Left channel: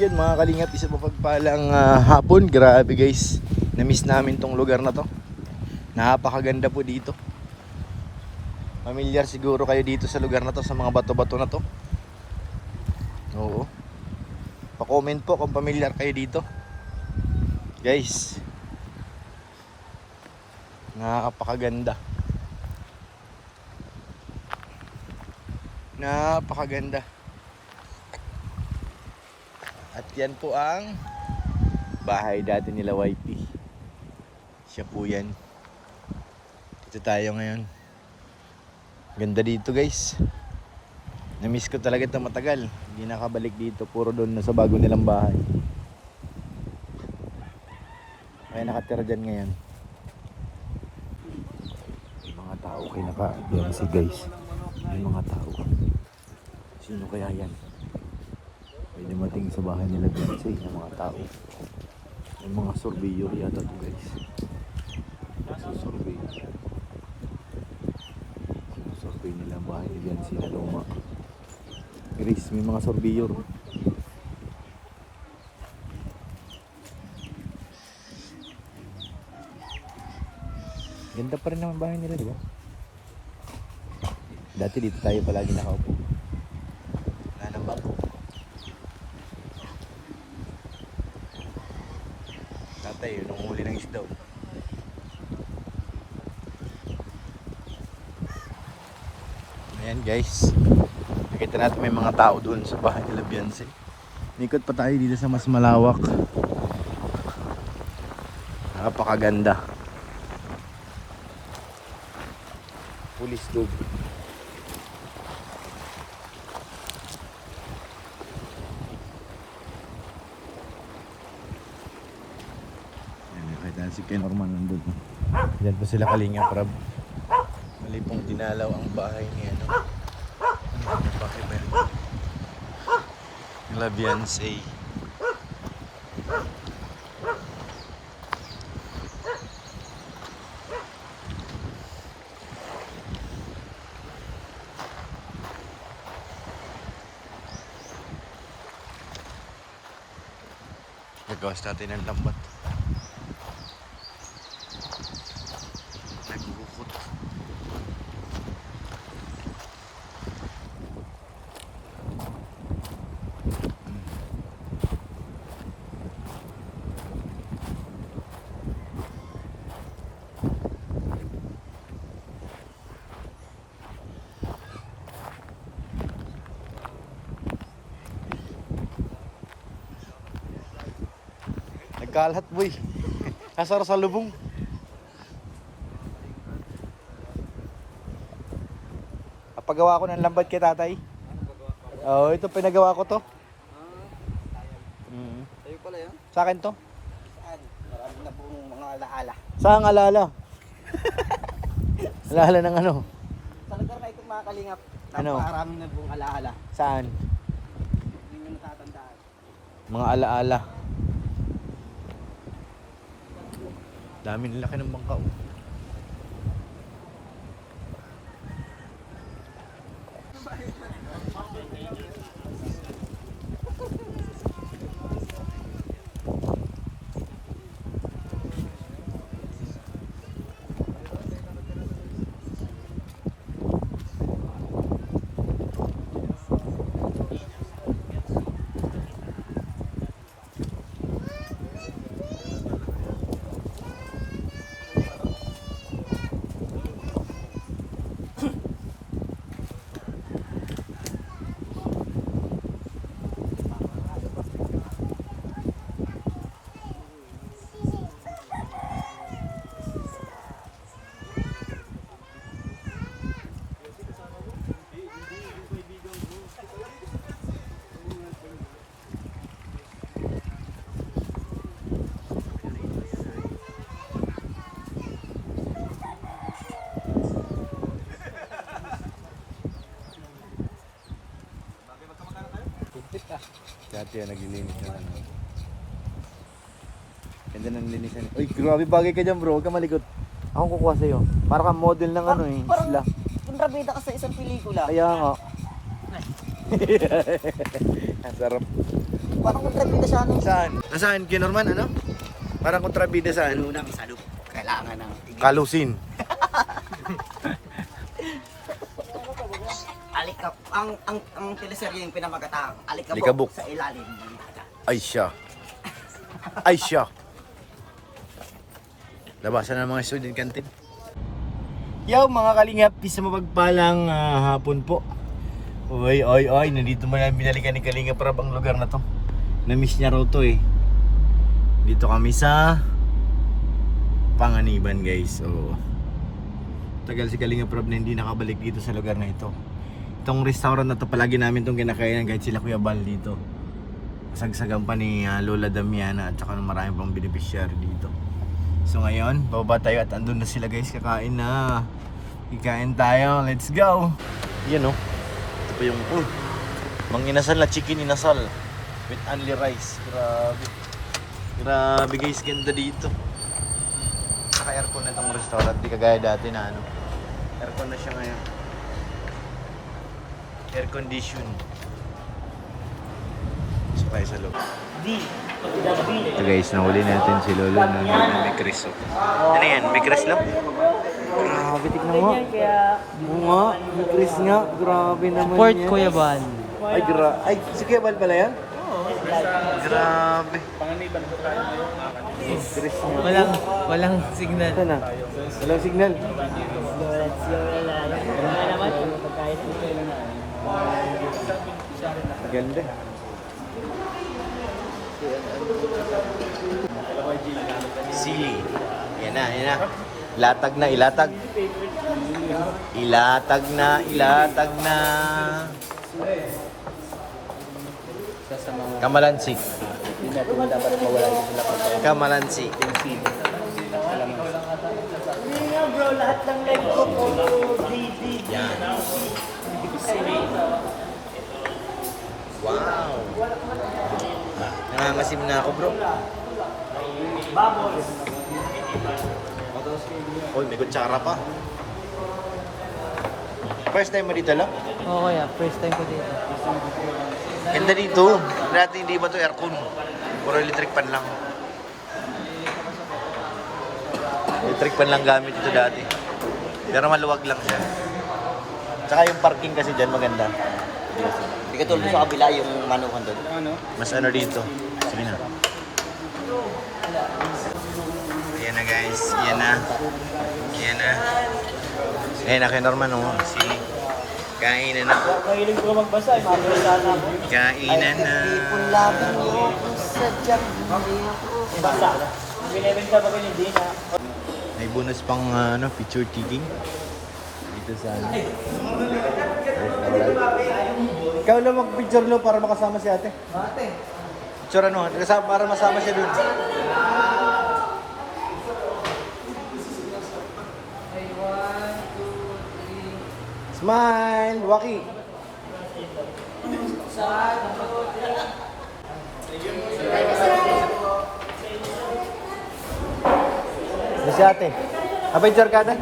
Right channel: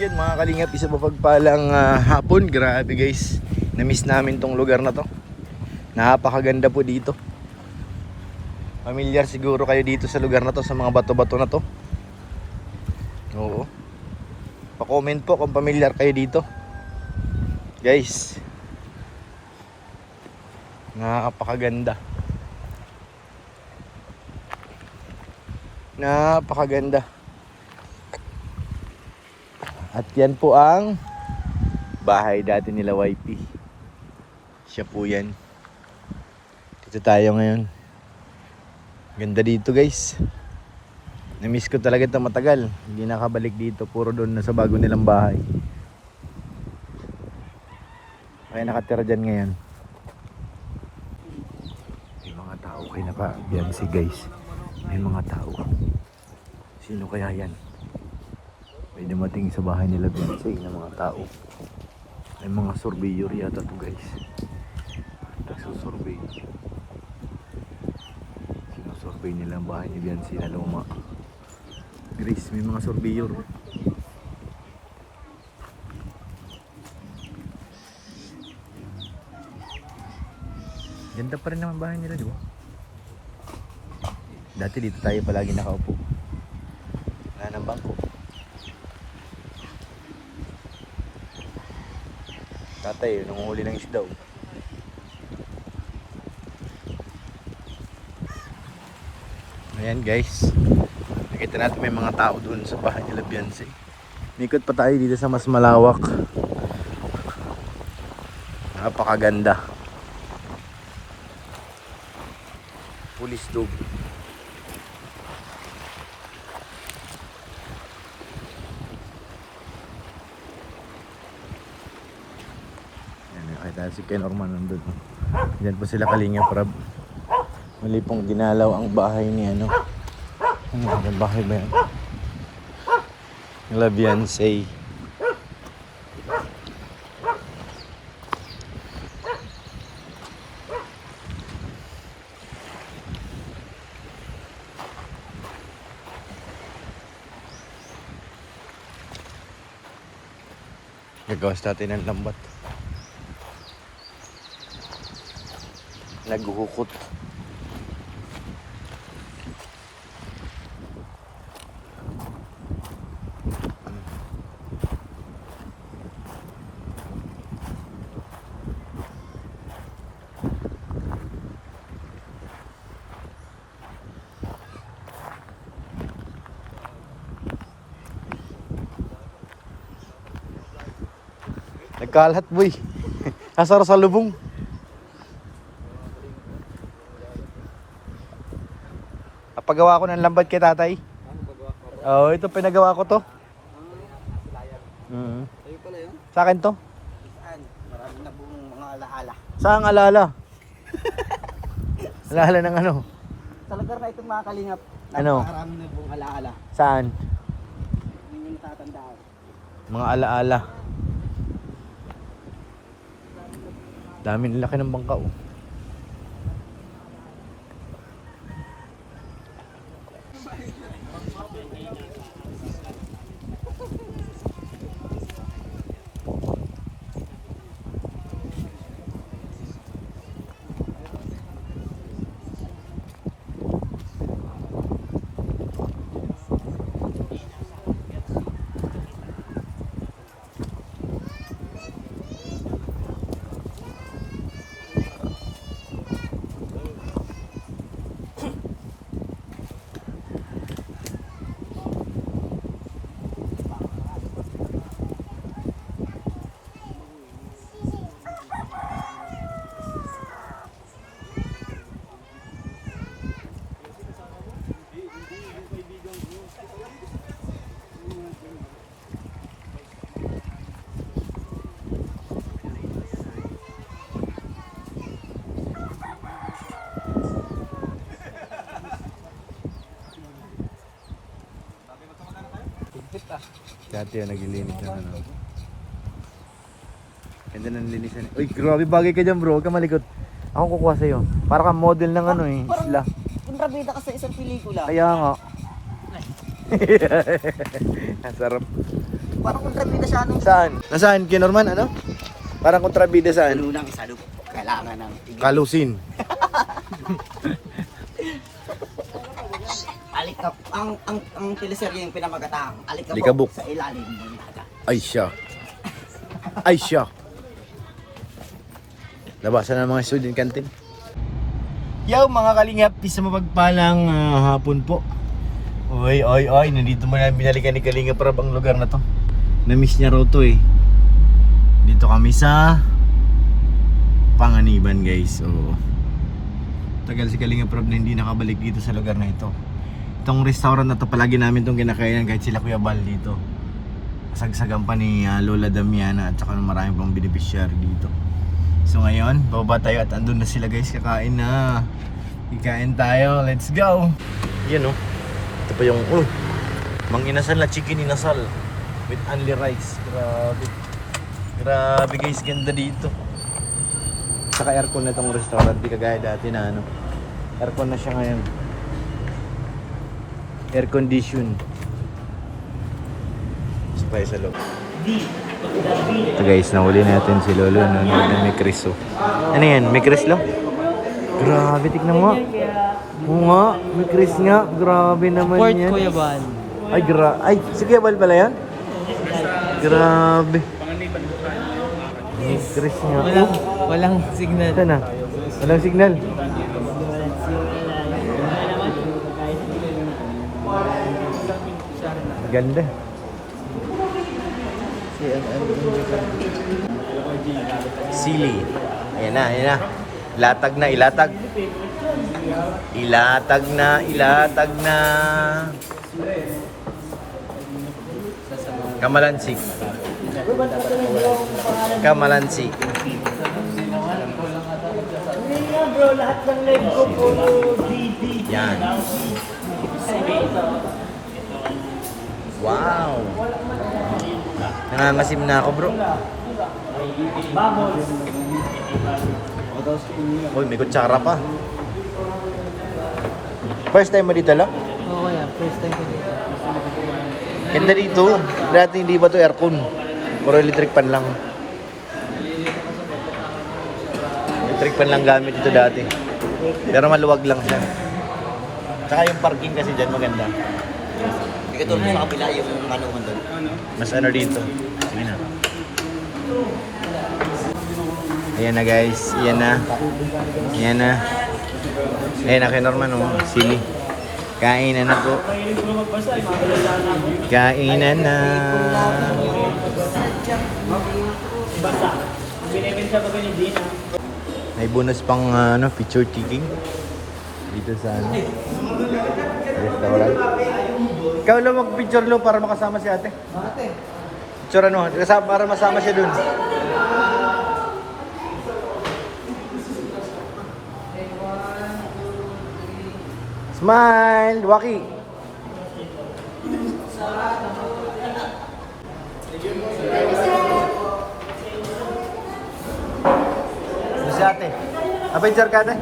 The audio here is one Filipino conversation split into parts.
Yan mga kalingap, isa pa pagpalang hapon. Grabe guys, na-miss namin tong lugar na to. Napakaganda po dito. Familiar siguro kayo dito sa lugar na to, sa mga bato-bato na to. Oo. Pa-comment po kung familiar kayo dito. Guys, napakaganda. Napakaganda. At yan po ang bahay dati nila YP. Siya po yan. Dito tayo ngayon. Ganda dito guys. Na-miss ko talaga ito matagal. Hindi nakabalik dito. Puro doon na sa bago nilang bahay. May nakatira dyan ngayon. May mga tao kayo na pa. Yan si guys. May mga tao. Sino kaya yan? May dumating sa bahay nila doon kasi may mga tao. May mga surveyor yata to guys. Survey. Survey nila ang bahay ni Biancy na luma. Grace, may mga surveyor. Ganda pa rin naman bahay nila, di ba? Dati dito tayo palagi nakaupo. Wala nang bangko. Tatay, nangunguli ng isda. Ayan guys, nakita natin may mga tao doon sa bahay nila Biancy. Nikot pa tayo dito sa mas malawak. Napakaganda. Police dog. Ayan, nakita si Ken Orman nandun. Diyan po sila Kalinga Prab. Mali pong dinalaw ang bahay ni ano. Ano yung bahay ba yan? Nila Biancy. Gagawas natin ng lambat. Naguhukot. Nagkalat boy. Asar sa lubong. Napagawa ko ng lambat kay tatay. Oo, ito pinagawa ko to. Ayun pala yun? Sa akin to. Marami na pong mga alaala. Saan alala? Alala ng ano? Talaga na itong mga kalingap. Ano? Napakarami na pong alaala. Saan? Hindi nyo natatandaan. Mga alaala. Dami laki ng bangka oh. Dati yan, naglilinis na ano. Ganda ng linisan. Uy, grabe bagay ka dyan bro, huwag ka malikot. Ako kukuha sa'yo. Para kang model ng ano eh, Parang sila. kontrabida ka sa isang pelikula. Kaya nga. Ang sarap. Parang kontrabida siya ano. Saan? Nasaan? Kinorman, ano? Parang kontrabida saan? Unang salub. Kailangan ng tigil. Kalusin. Alikap. Ang teleserye yung pinamagatang. Alikabok. Alikabok sa ilalim ng dagat. Ay siya. Ay siya. Labasan ng mga student canteen. Yo mga kalingap, isa mapagpalang hapon po. Oy, nandito mo na binalikan ni Kalingap Rab ang lugar na to. Na-miss niya raw to eh. Dito kami sa Panganiban guys. So, tagal si Kalingap Rab na hindi nakabalik dito sa lugar na ito. Itong restaurant na to palagi namin itong kinakainan kahit sila Kuya Bal dito. Sagsagan pa ni Lola Damiana at saka marami pang beneficiary dito. So ngayon, bababa tayo at andun na sila guys, kakain na. Kikain tayo, let's go! Yan oh, ito pa yung mang inasal na chicken inasal with only rice. Grabe. Grabe guys, ganda dito. Saka aircon na itong restaurant, di kagaya dati na ano. Aircon na siya ngayon. Air condition. Sabay sa loob. Ito guys, nahuli natin si Lolo na may Chris oh. Ano yan? May Chris lang? Grabe, tignan mo. Oo nga, may Chris nga. Grabe naman Port yan. Kuya Bal. Ay, si Kuya Bal pala yan? Grabe. Chris nga. Walang signal. Ito na. Walang signal. Ganda. Sili. Ayan na. Ilatag na. Ilatag na. Kamalansi. Yan. Wow. Nangangasim na ako, bro. Uy, may kutsara pa. First time mo dito lang? Oo kuya, first time ko dito. Ganda dito. Dati hindi ba to aircon? Puro electric pan lang. Electric pan lang gamit dito dati. Pero maluwag lang siya. Tsaka yung parking kasi dyan maganda. Hindi ka tulad sa kabila yung manungan doon. Mas ano dito. Sige na. Ayan na guys. Ayan na. Ayan na kay Norman oh. Sili. Kainan na po. Kainan na. May bonus pang picture taking. Dito sa restaurant. Ikaw lang mag-picture lo para makasama si ate. Picture para masama siya dun. Smile, Waki. Si ate. Picture ka ate?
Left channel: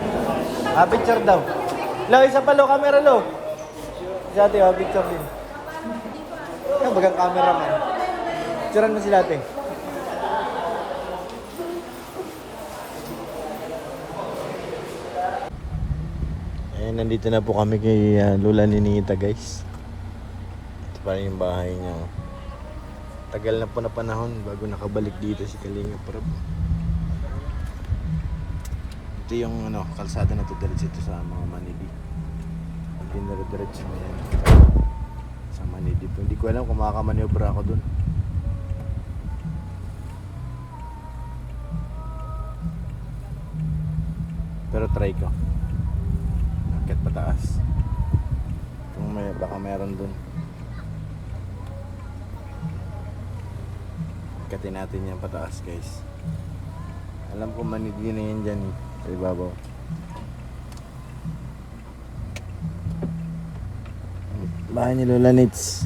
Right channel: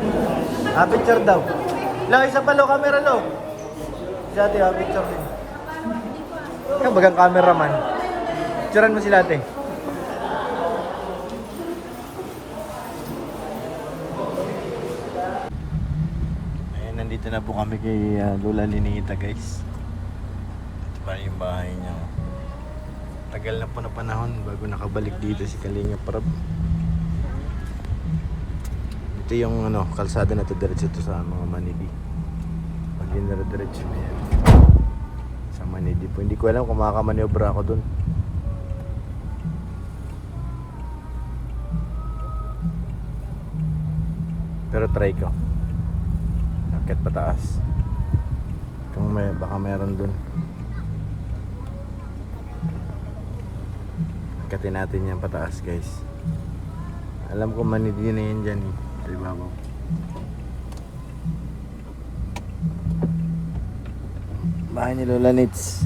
Picture daw. Lo, isa pa lo, camera lo. Si ate, picture mo. Ikaw bagang cameraman. Picturean mo sila ate. Ayun, nandito na po kami kay Lola Ninita guys. Ito pa rin yung bahay niya. Tagal na po na panahon bago nakabalik dito si Kalingap Rab. Ito yung kalsada na to diretso ito sa mga Manidi. Pag diretso na yan sa Manidi po. Hindi ko alam kung makamanobra ako dun. Pero try ko. Akit pataas. Kung baka meron dun. Akatin natin yan pataas guys. Alam ko Manidi na yan dyan. Ibabaw. Bahay ni Lola Nits.